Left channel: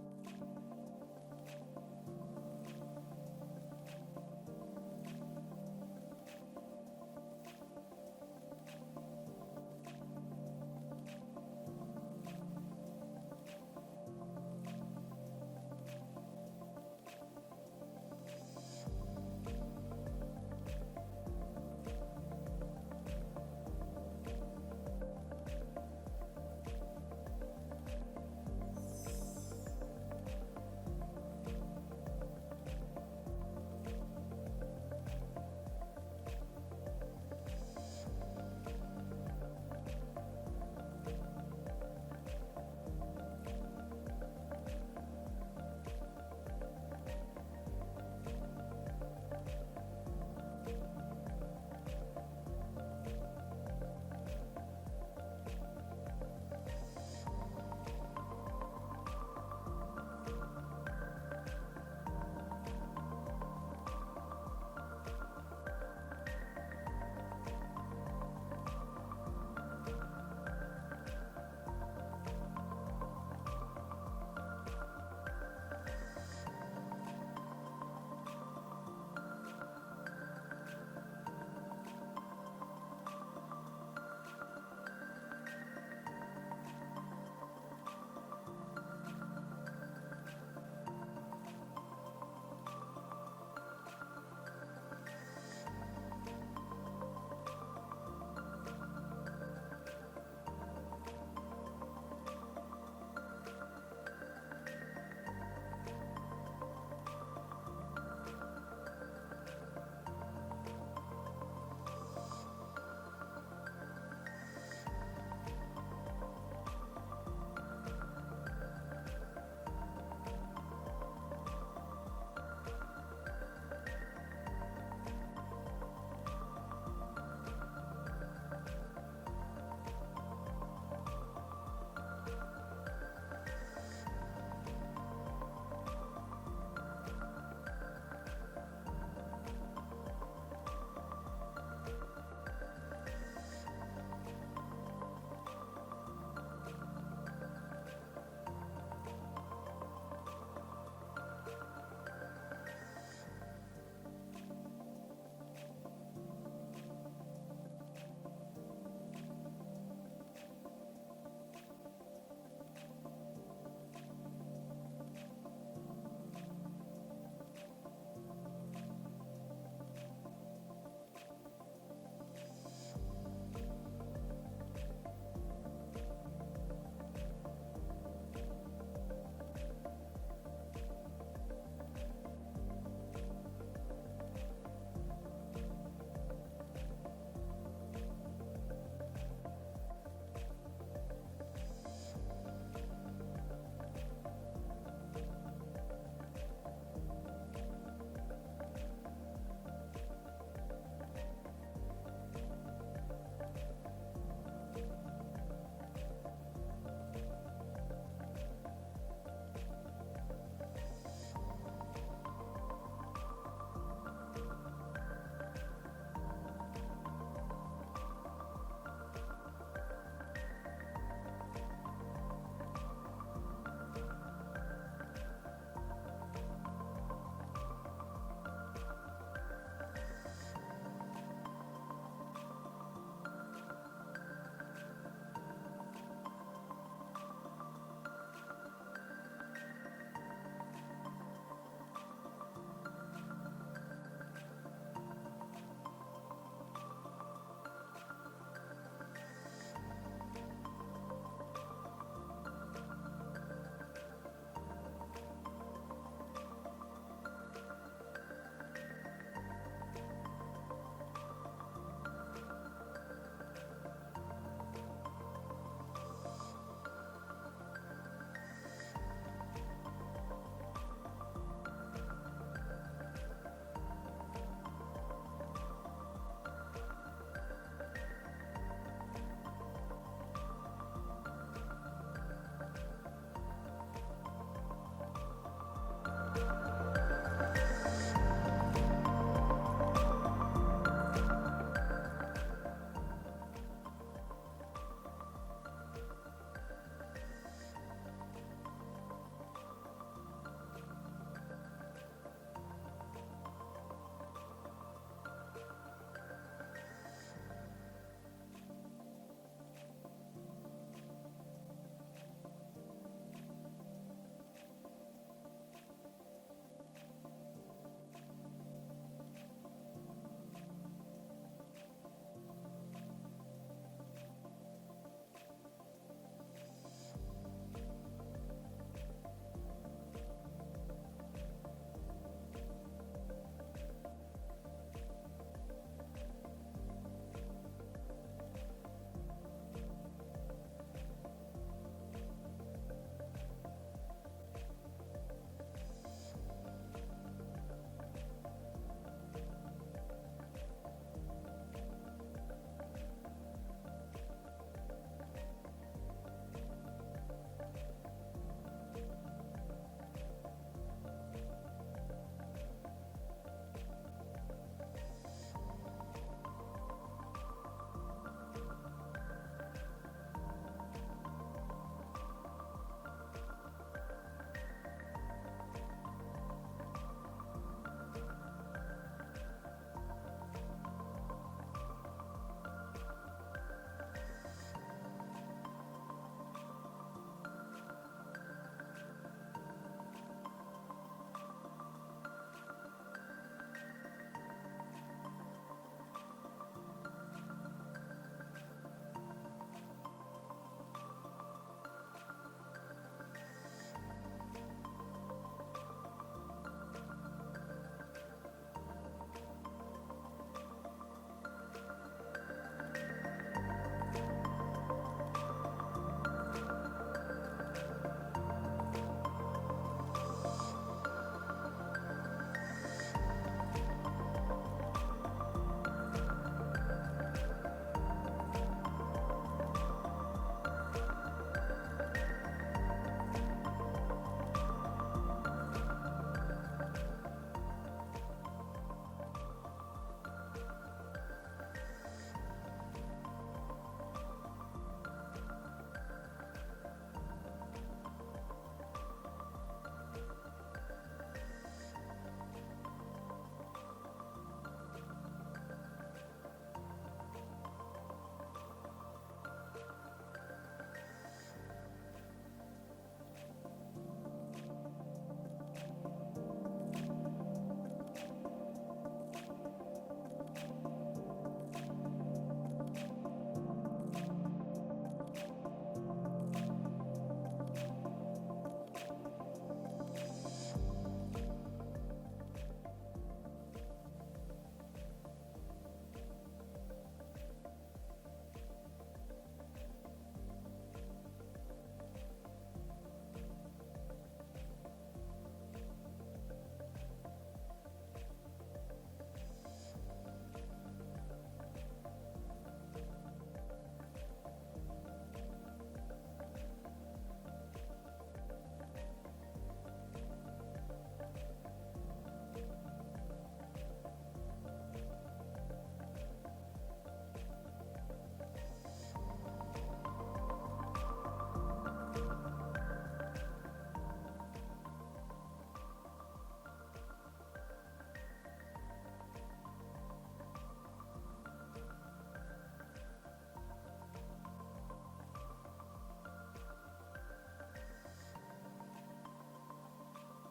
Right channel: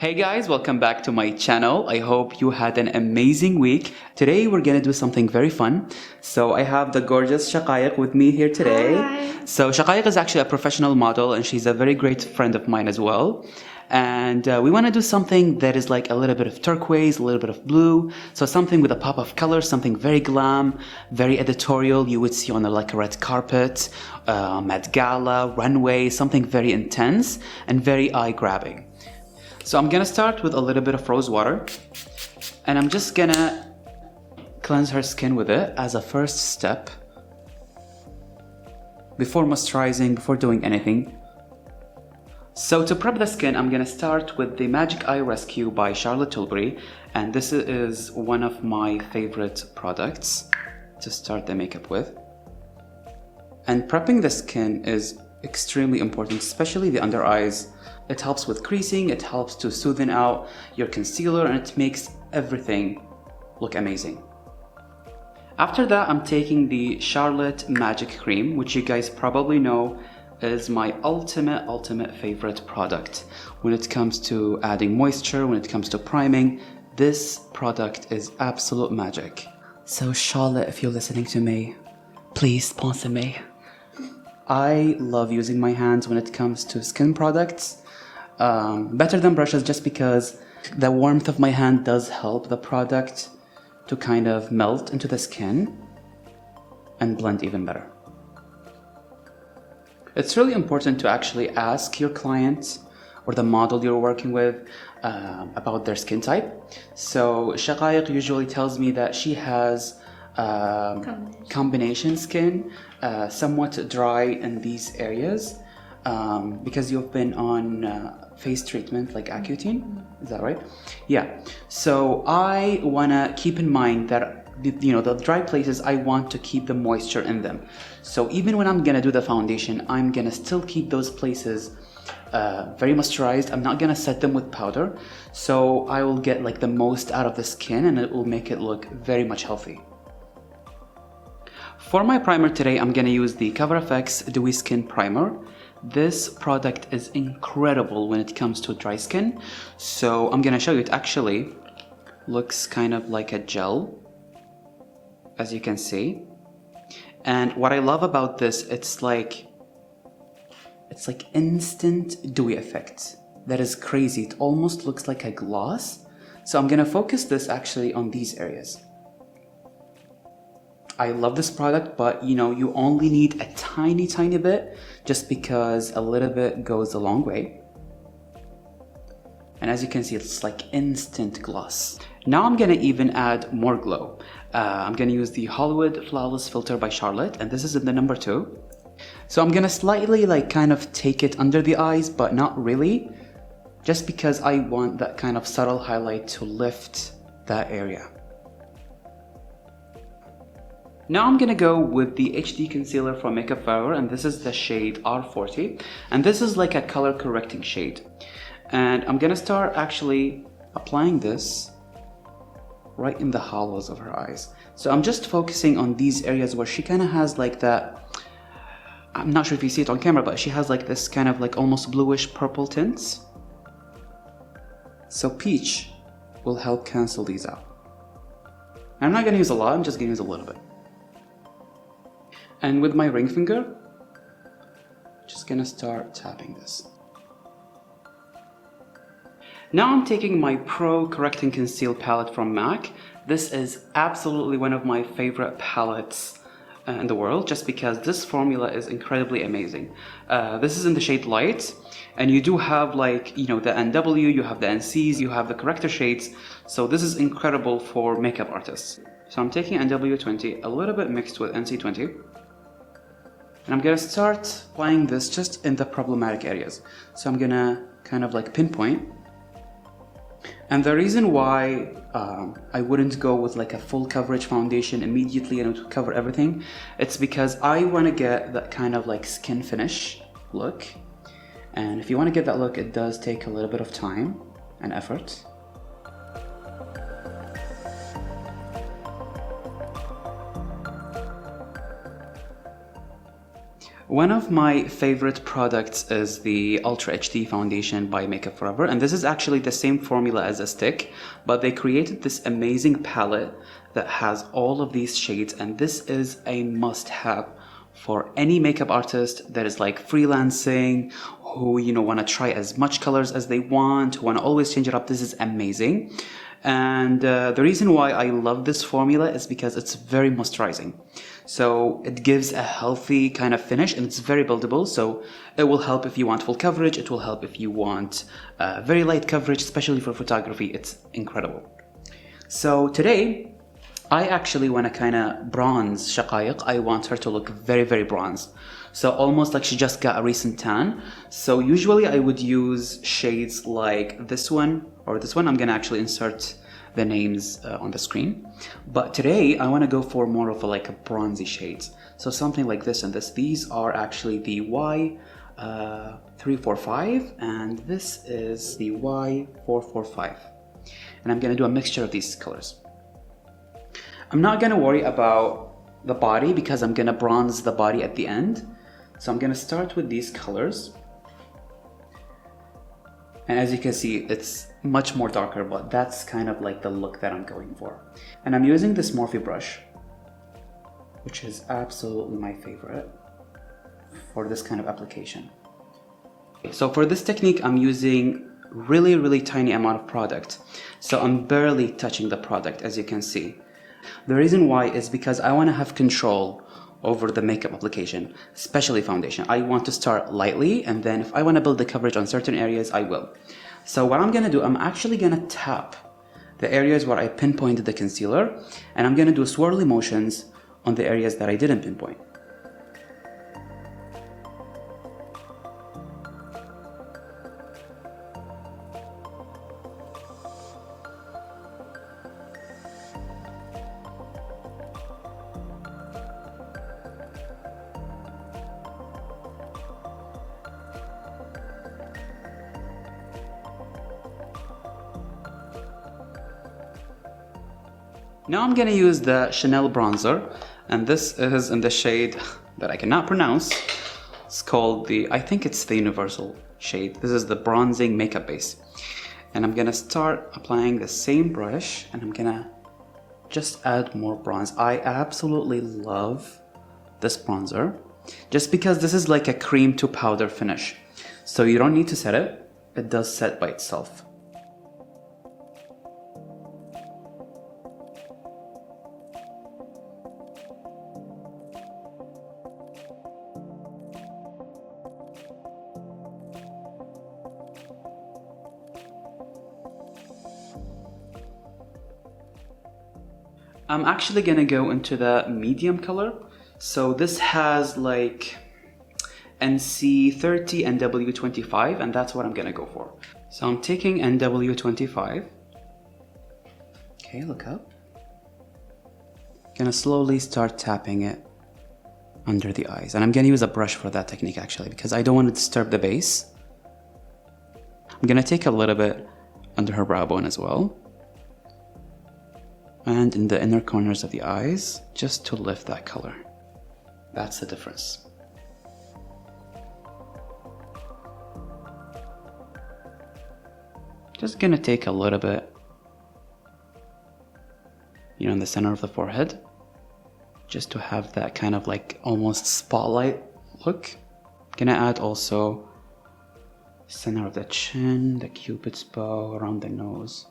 Hey guys, welcome back to my channel. I hope you had an amazing week. Today we're gonna do something very fun. So I have the gorgeous Shaghayegh with me here today. Hi. So Shaghayegh is actually a professional model and she's a very great friend of mine as well. And we want to do something that is like a little bit of turquoise, a little bit of blue. So something with a pop of color, something very glam, very editorial. You would see on like a red carpet, Met Gala, Runway, something very intense and very eye-grabbing. So I'm gonna start with a little bit of rose water and I'm just gonna cleanse her skin with it as a first step before moisturizing, before doing anything. So to prep the skin, I'm gonna start with the Magic Eye Rescue by Tilbury, and this is one of my favorite products to start the makeup with. And prepping the skin is extremely important, especially the under eyes. It helps with creasing, it helps to smoothen out your concealer, and it makes everything look amazing. After that, I'm taking the Charlotte Magic Cream, which you guys probably know is my ultimate favorite product. When it comes to adding moisture, when it comes to priming, this product is absolute magic. So Charlotte, if you're listening to me, please sponsor me. I love using my hands when it comes to skin products. Better than brushes just because the warmth of my hand does help the product to kind of melt into the skin and blend even better. It's really important to actually ask your client or the model you're working with about their skin type. So Shaghayegh usually tells me that she has combination skin, somewhat dry in these areas because you've been on face treatment like Accutane, is that right? Yeah, so I wanna keep in mind that the dry places, I want to keep the moisture in them. So even when I'm gonna do the foundation, I'm gonna still keep those places very moisturized. I'm not gonna set them with powder, so I will get like the most out of the skin and it will make it look very much healthy. For my primer today, I'm gonna use the CoverFX Dewy Skin Primer. This product is incredible when it comes to dry skin. So I'm gonna show you, it actually looks kind of like a gel, as you can see. And what I love about this, it's like instant dewy effect. That is crazy. It almost looks like a gloss. So I'm gonna focus this actually on these areas. I love this product, but you only need a tiny bit just because a little bit goes a long way. And as you can see, it's like instant gloss. Now I'm gonna even add more glow. I'm gonna use the Hollywood Flawless Filter by Charlotte, and this is in the number 2. So I'm gonna slightly kind of take it under the eyes, but not really, just because I want that kind of subtle highlight to lift that area. Now I'm gonna go with the HD concealer from Makeup Forever, and this is the shade R40, and this is like a color correcting shade. And I'm gonna start actually applying this right in the hollows of her eyes. So I'm just focusing on these areas where she kind of has like that, I'm not sure if you see it on camera, but she has like this kind of like almost bluish purple tints. So peach will help cancel these out. I'm not gonna use a lot, I'm just gonna use a little bit. And with my ring finger, just gonna start tapping this. Now I'm taking my Pro Correcting Conceal palette from MAC. This is absolutely one of my favorite palettes in the world, just because this formula is incredibly amazing. This is in the shade Light, and you do have like, the NW, you have the NCs, you have the corrector shades, so this is incredible for makeup artists. So I'm taking NW20, a little bit mixed with NC20, and I'm gonna start applying this just in the problematic areas. So I'm gonna kind of like pinpoint. And the reason why I wouldn't go with like a full coverage foundation immediately and it would cover everything, it's because I want to get that kind of like skin finish look. And if you want to get that look, it does take a little bit of time and effort. One of my favorite products is the Ultra HD foundation by Makeup Forever, and this is actually the same formula as a stick, but they created this amazing palette that has all of these shades, and this is a must-have for any makeup artist that is like freelancing, who want to try as much colors as they want, who want to always change it up. This is amazing. And the reason why I love this formula is because it's very moisturizing. So it gives a healthy kind of finish, and it's very buildable. So it will help if you want full coverage. It will help if you want very light coverage, especially for photography. It's incredible. So today, I actually want to kind of bronze Shaghayegh. I want her to look very, very bronze. So almost like she just got a recent tan. So usually I would use shades like this one or this one. I'm going to actually insert the names on the screen. But today I want to go for more of a bronzy shades. So something like this and this. These are actually the Y345 and this is the Y445. And I'm going to do a mixture of these colors. I'm not going to worry about the body because I'm going to bronze the body at the end. So I'm going to start with these colors. And as you can see, it's much more darker, but that's kind of like the look that I'm going for. And I'm using this Morphe brush, which is absolutely my favorite for this kind of application. So for this technique, I'm using really, really tiny amount of product. So I'm barely touching the product, as you can see. The reason why is because I want to have control over the makeup application, especially foundation. I want to start lightly, and then if I want to build the coverage on certain areas, I will. So what I'm going to do, I'm actually going to tap the areas where I pinpointed the concealer, and I'm going to do swirly motions on the areas that I didn't pinpoint. Now I'm gonna use the Chanel bronzer, and this is in the shade that I cannot pronounce. It's called I think it's the Universal shade. This is the bronzing makeup base. And I'm gonna start applying the same brush, and I'm gonna just add more bronze. I absolutely love this bronzer, just because this is like a cream to powder finish. So you don't need to set it, it does set by itself. I'm actually gonna go into the medium color. So this has like NC30 and W25, and that's what I'm gonna go for. So I'm taking NW25. Okay, look up. Gonna slowly start tapping it under the eyes. And I'm gonna use a brush for that technique actually, because I don't want to disturb the base. I'm gonna take a little bit under her brow bone as well. And in the inner corners of the eyes, just to lift that color. That's the difference. Just gonna take a little bit, in the center of the forehead, just to have that kind of like almost spotlight look. Gonna add also center of the chin, the cupid's bow, around the nose.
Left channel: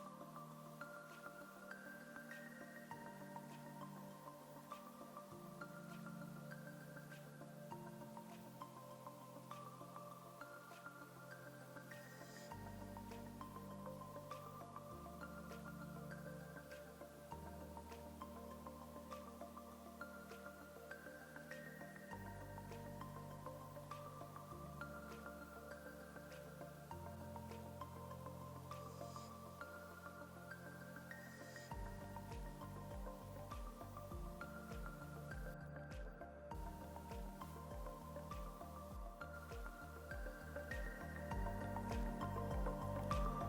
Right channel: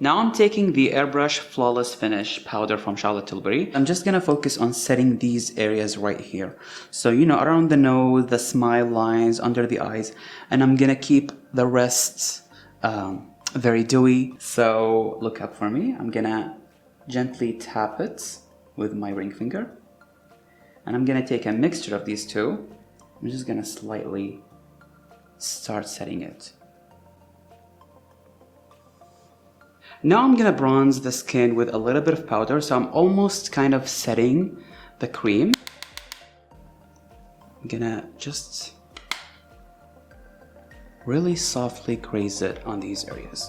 Now I'm taking the Airbrush Flawless Finish powder from Tilbury. I'm just gonna focus on setting these areas right here. So, around the nose, the smile lines, under the eyes, and I'm gonna keep the rest very dewy. So look up for me. I'm gonna gently tap it with my ring finger. And I'm gonna take a mixture of these two. I'm just gonna slightly start setting it. Now I'm gonna bronze the skin with a little bit of powder, so I'm almost kind of setting the cream. I'm gonna just really softly graze it on these areas.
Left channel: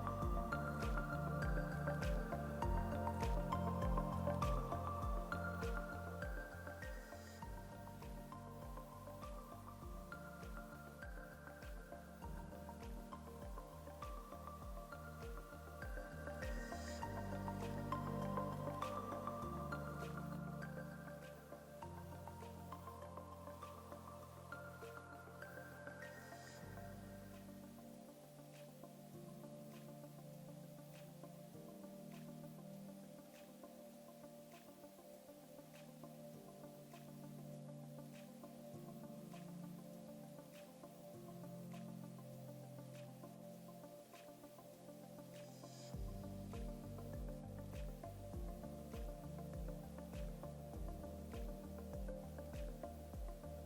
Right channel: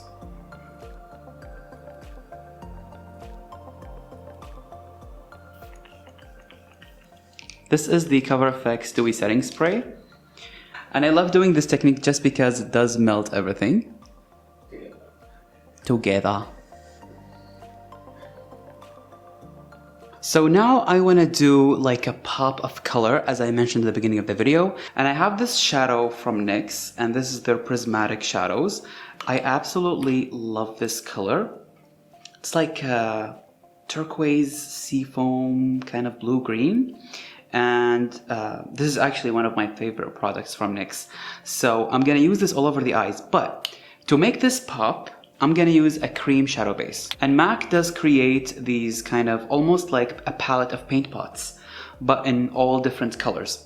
This is the Cover FX Dewy Setting Spray. And I love doing this technique just because it does melt everything together. So now I want to do like a pop of color, as I mentioned at the beginning of the video. And I have this shadow from NYX, and this is their prismatic shadows. I absolutely love this color. It's like a turquoise seafoam kind of blue-green. And this is actually one of my favorite products from NYX. So I'm going to use this all over the eyes. But to make this pop, I'm gonna use a cream shadow base. And MAC does create these kind of almost like a palette of paint pots, but in all different colors.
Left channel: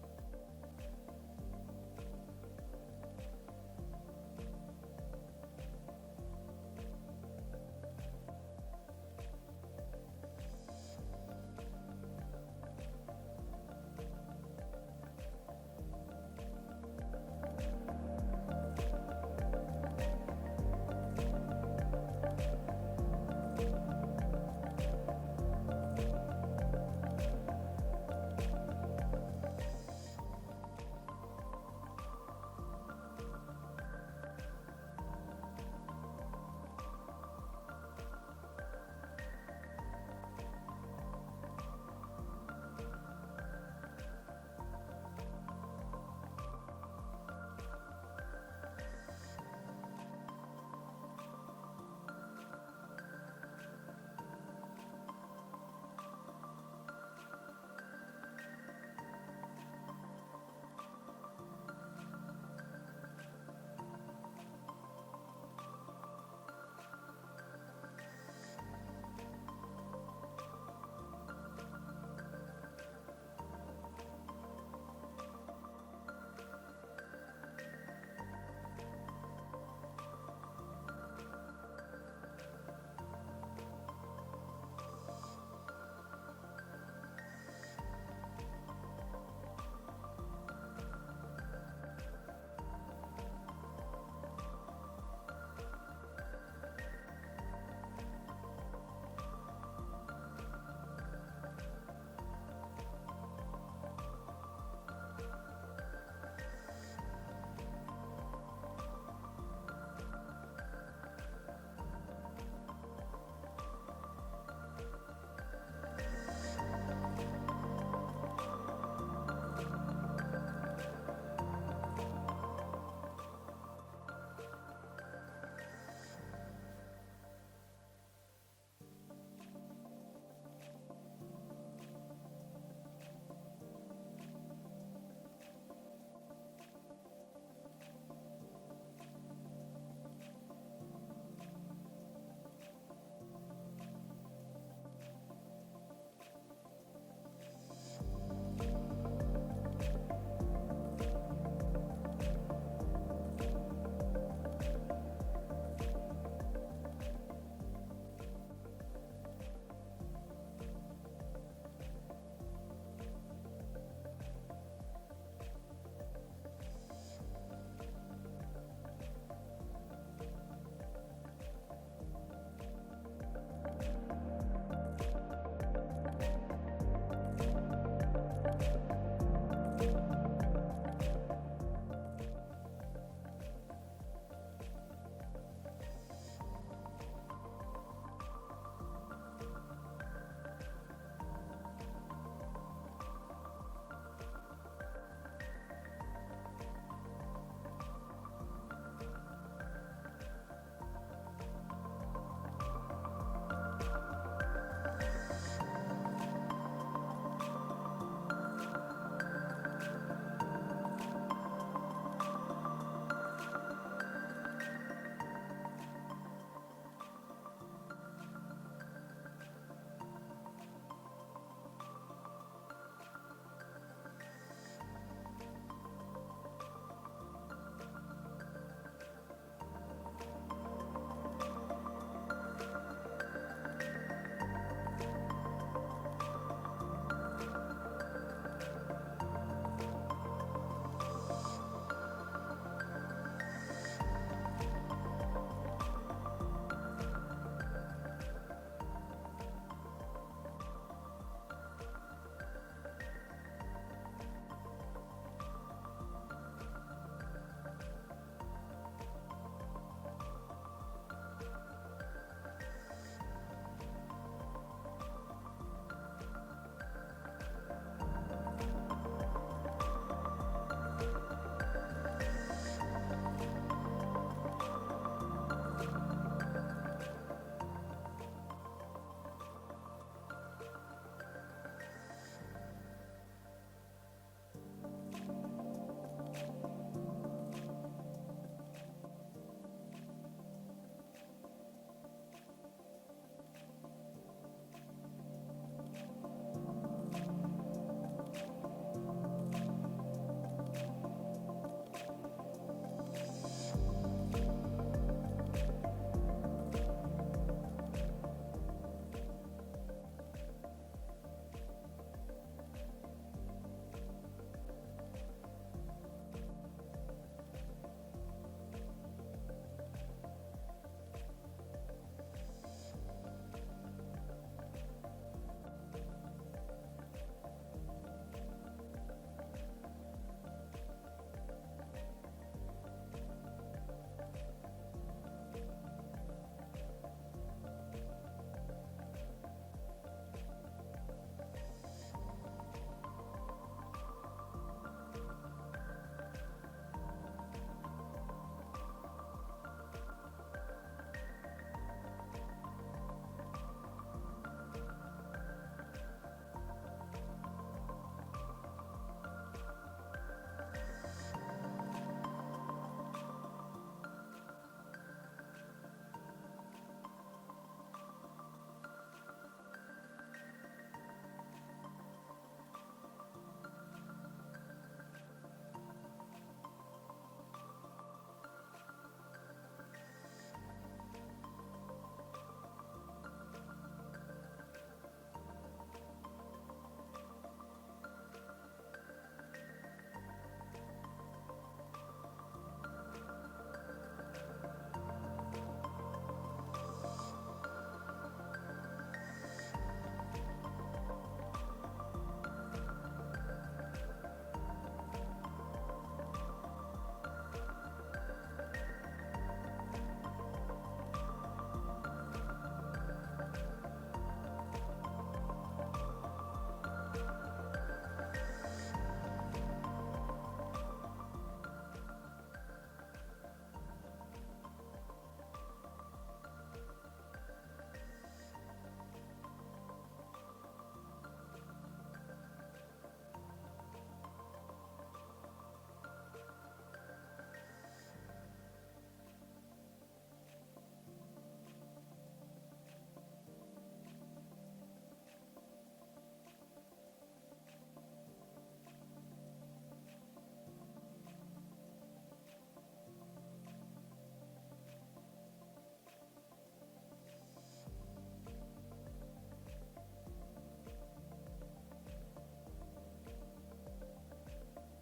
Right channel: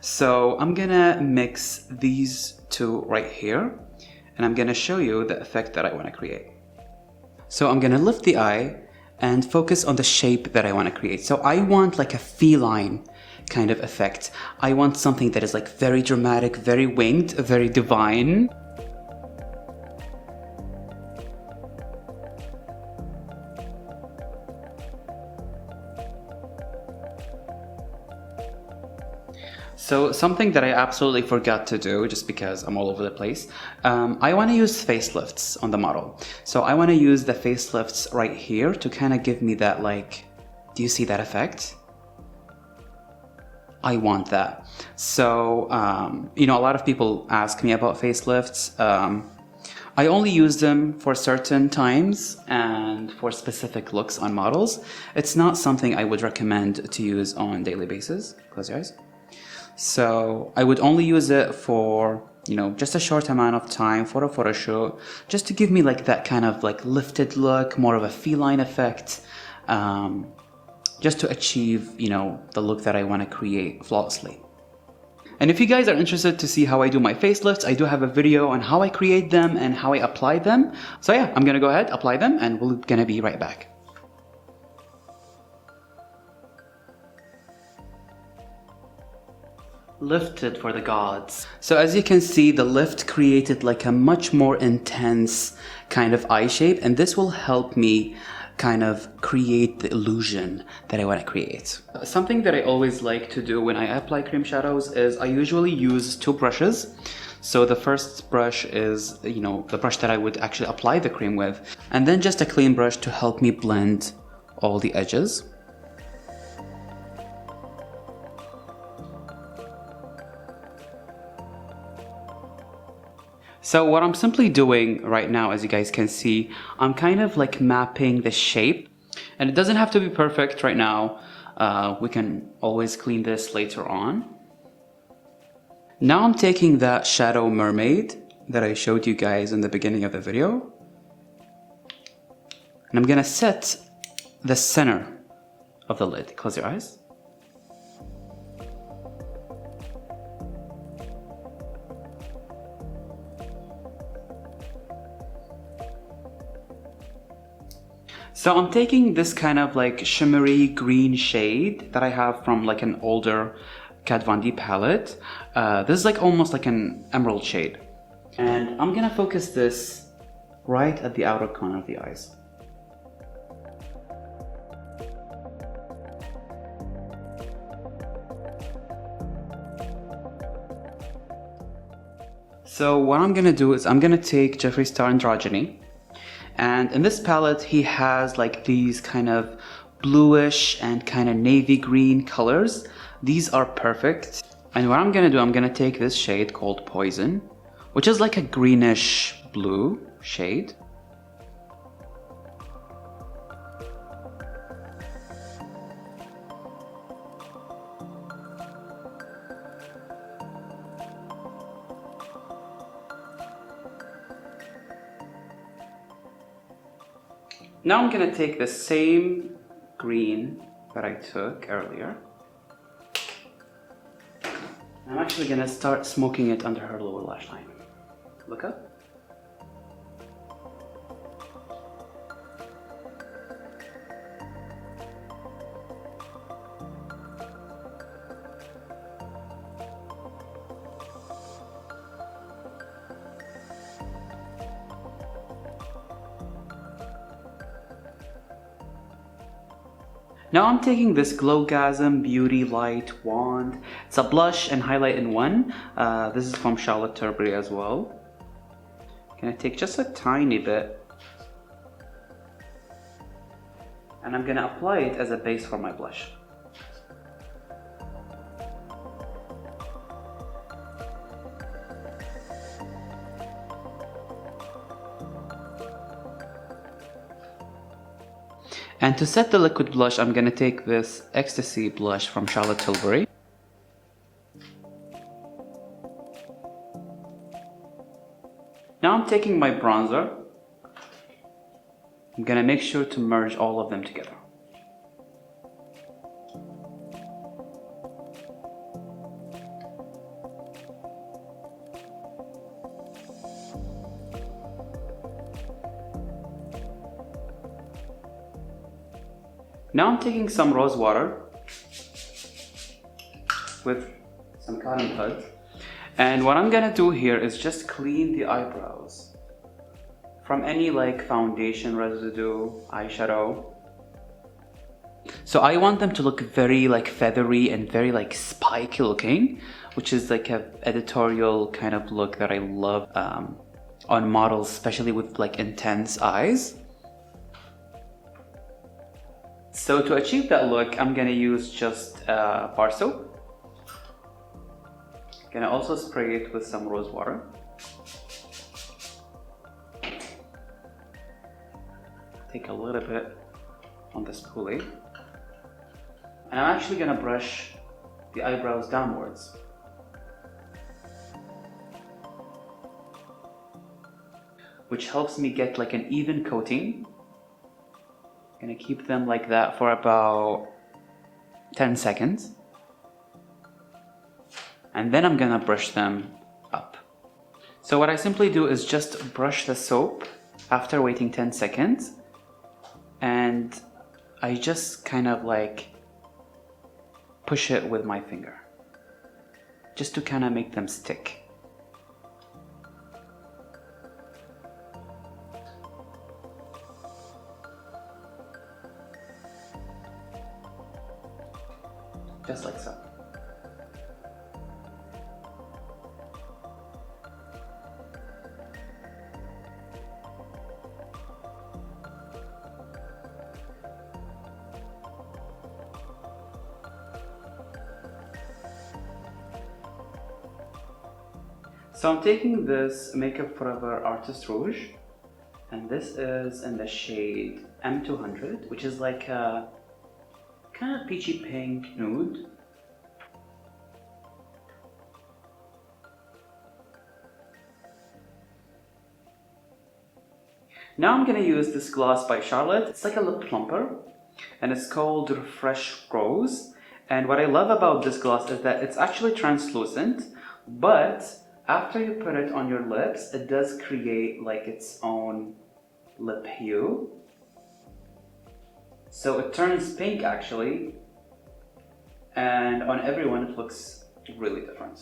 So I'm gonna mix these two right here, and I'm gonna show you the effect that I wanna create. So I'm gonna lift the eye and focus on the shape that I wanna create. So I want like a feline kind of effect. I want something that is like very dramatic, very winged, very divine. So something that I absolutely forgot to do, just because I'm all over the place, I want to use facelifts on the model. So I want to use the facelifts right here to kind of give me that, like, do you see that effect? I want that. So, you know, a lot of people ask me about facelifts. I only use them for certain times and for specific looks on models. It's not something I would recommend to use on a daily basis. Close your eyes. So I would only use it for, you know, just a short amount of time for a photo shoot, just to give me like that kind of like lifted look, more of a feline effect, just to achieve, you know, the look that I want to create flawlessly. And if you guys are interested to see how I do my facelifts, I do have a video on how I create them and how I apply them. So yeah, I'm gonna go ahead, apply them, and we're gonna be right back. Lifted for the gods. So as you can see, the lift created like a much more intense kind of eye shape, and this will help me kind of create the illusion that I want to create. Something that I always like to do when I apply cream shadows is I usually use two brushes. So the first brush is, you know, the brush that I would actually apply the cream with, and then just a clean brush to help me blend all the edges. So what I'm simply doing right now, as you guys can see, I'm kind of like mapping the shape, and it doesn't have to be perfect right now. We can always clean this later on. Now I'm taking that shadow mermaid that I showed you guys in the beginning of the video, and I'm gonna set the center of the lid. Close your eyes. So I'm taking this kind of like shimmery green shade that I have from like an older Kat Von D palette. This is like almost like an emerald shade. And I'm gonna focus this right at the outer corner of the eyes. So what I'm gonna do is I'm gonna take Jeffree Star Androgyny. And in this palette, he has like these kind of bluish and kind of navy green colors. These are perfect. And what I'm gonna do, I'm gonna take this shade called Poison, which is like a greenish blue shade. Now I'm gonna take the same green that I took earlier. I'm actually gonna start smoking it under her lower lash line. Look up. Now I'm taking this Glowgasm Beauty Light Wand. It's a blush and highlight in one. This is from Tilbury as well. I'm gonna take just a tiny bit and I'm gonna apply it as a base for my blush. And to set the liquid blush, I'm gonna take this Ecstasy blush from Tilbury. Now I'm taking my bronzer. I'm gonna make sure to merge all of them together. Now I'm taking some rose water with some cotton buds, and what I'm gonna do here is just clean the eyebrows from any like foundation residue, eyeshadow. So I want them to look very like feathery and very like spiky looking, which is like a editorial kind of look that I love on models, especially with like intense eyes. So to achieve that look, I'm gonna use just bar soap. Gonna also spray it with some rose water. Take a little bit on the spoolie. And I'm actually gonna brush the eyebrows downwards. Which helps me get like an even coating. Gonna keep them like that for about 10 seconds. And then I'm gonna brush them up. So what I simply do is just brush the soap after waiting 10 seconds. And I just kind of like push it with my finger. Just to kind of make them stick. Just like so. So I'm taking this Makeup Forever Artist Rouge, and this is in the shade M200, which is like a kind of peachy pink nude. Now I'm gonna use this gloss by Charlotte. It's like a lip plumper, and it's called Refresh Rose. And what I love about this gloss is that it's actually translucent, but after you put it on your lips, it does create like its own lip hue. So it turns pink actually, and on everyone it looks really different.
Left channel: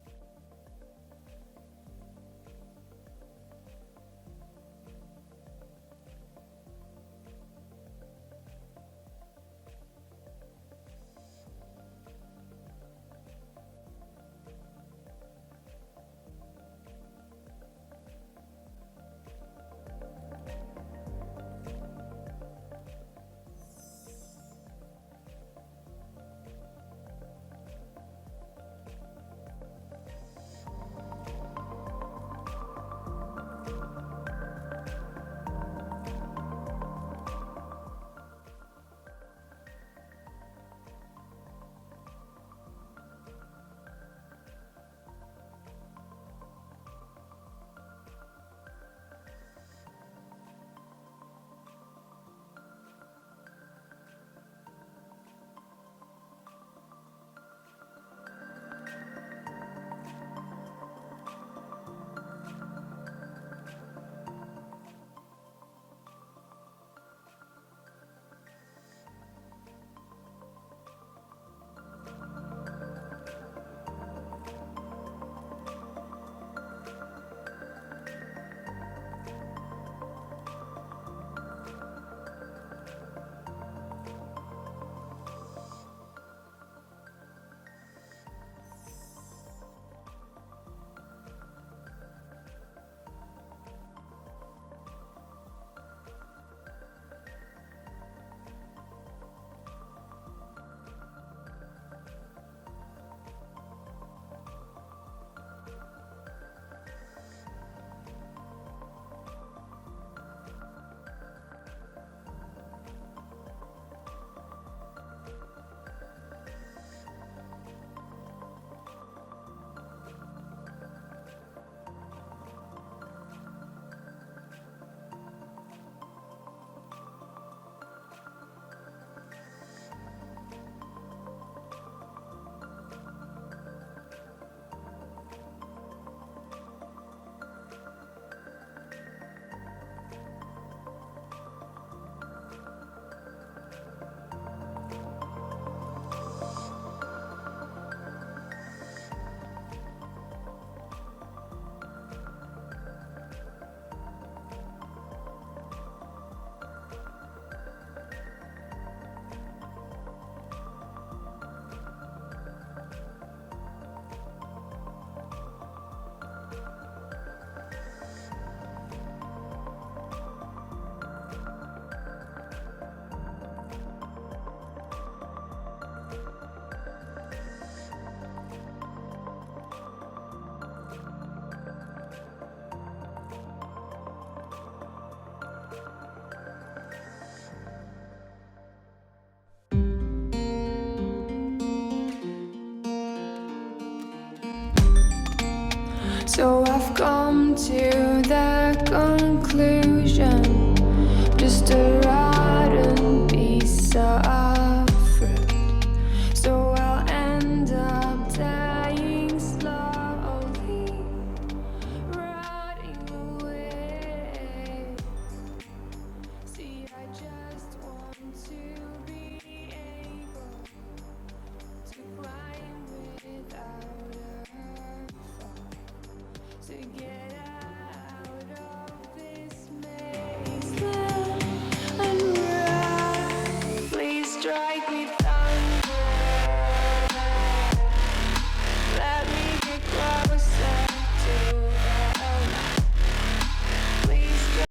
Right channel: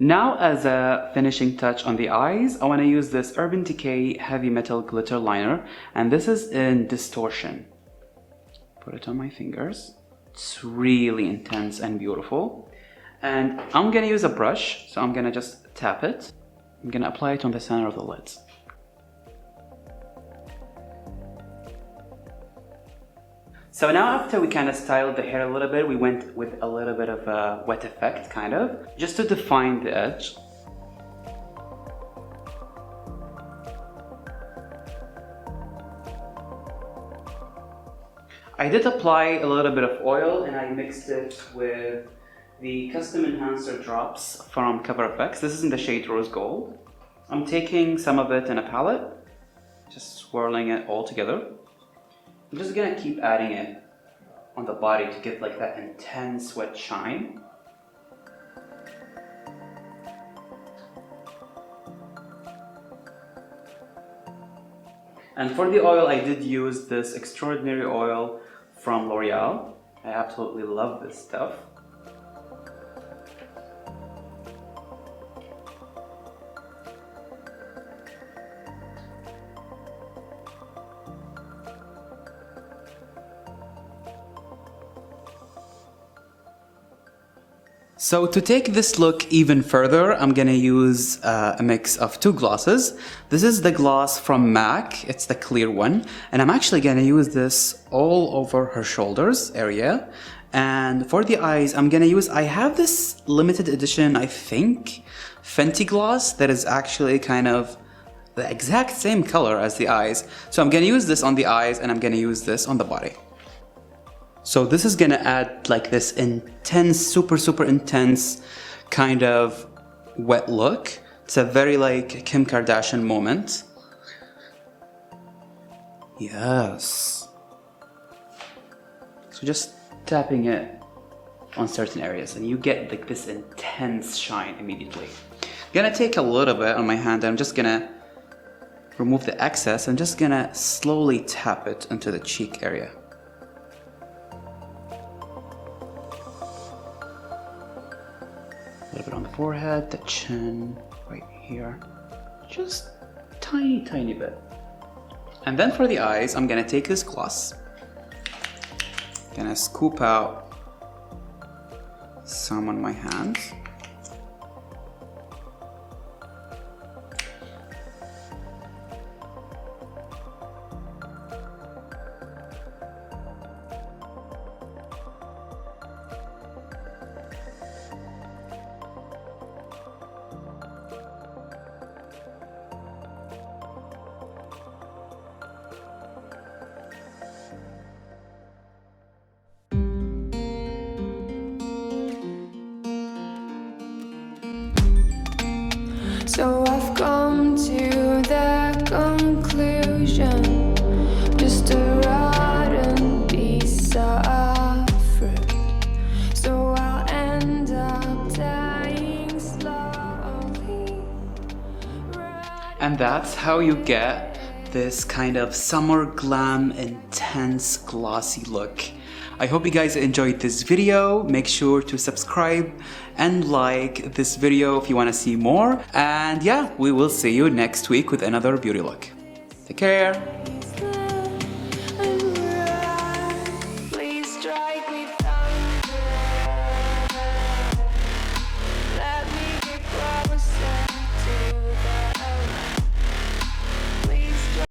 Now as a finishing touch on the eyes, I want to use this Urban Decay Heavy Metal Glitter Liner, and this is in Distortion. Put it on my fingers. It's really intense and beautiful. And I'm gonna use a brush, so I'm gonna just tap it. I'm gonna apply it on the center of the lids. So now after we kind of styled the hair a little bit, we went with a little bit of a wet effect, kind of, just to define the edge. I did apply a little bit of oil and I mixed it with the Custom Enhancer Drops from Cover FX. This is in the shade Rose Gold. I'm taking some of it in a palette, just swirling it all together. I'm just gonna keep adding it on the body to give like that intense wet shine. And for the oil, I did use this Extraordinary Oil from L'Oreal. I absolutely love this stuff. So to take this look even further, I'm gonna use a mix of two glosses. This is the gloss from MAC, it's the clear one, and I'm actually gonna use this all over her shoulders area. And for the eyes, I have this limited edition, I think, Fenty gloss that is actually kind of the exact same color as the eyes. So I'm gonna use this on the eyes and I'm gonna use this on the body. So this is gonna add like this intense, super intense kind of wet look. It's a very like Kim Kardashian moment. Yes. So just tapping it on certain areas and you get like this intense shine immediately. I'm gonna take a little bit on my hand and I'm just gonna remove the excess. I'm just gonna slowly tap it into the cheek area. A little bit on the forehead, the chin, right here. Just tiny bit. And then for the eyes, I'm gonna take this gloss. Gonna scoop out some on my hands. So I've come to the conclusion, just a rotten piece of fruit. So I'll end up dying slowly. And that's how you get this kind of summer glam intense glossy look. I hope you guys enjoyed this video. Make sure to subscribe and like this video if you want to see more. And yeah, we will see you next week with another beauty look. Take care. Please strike me.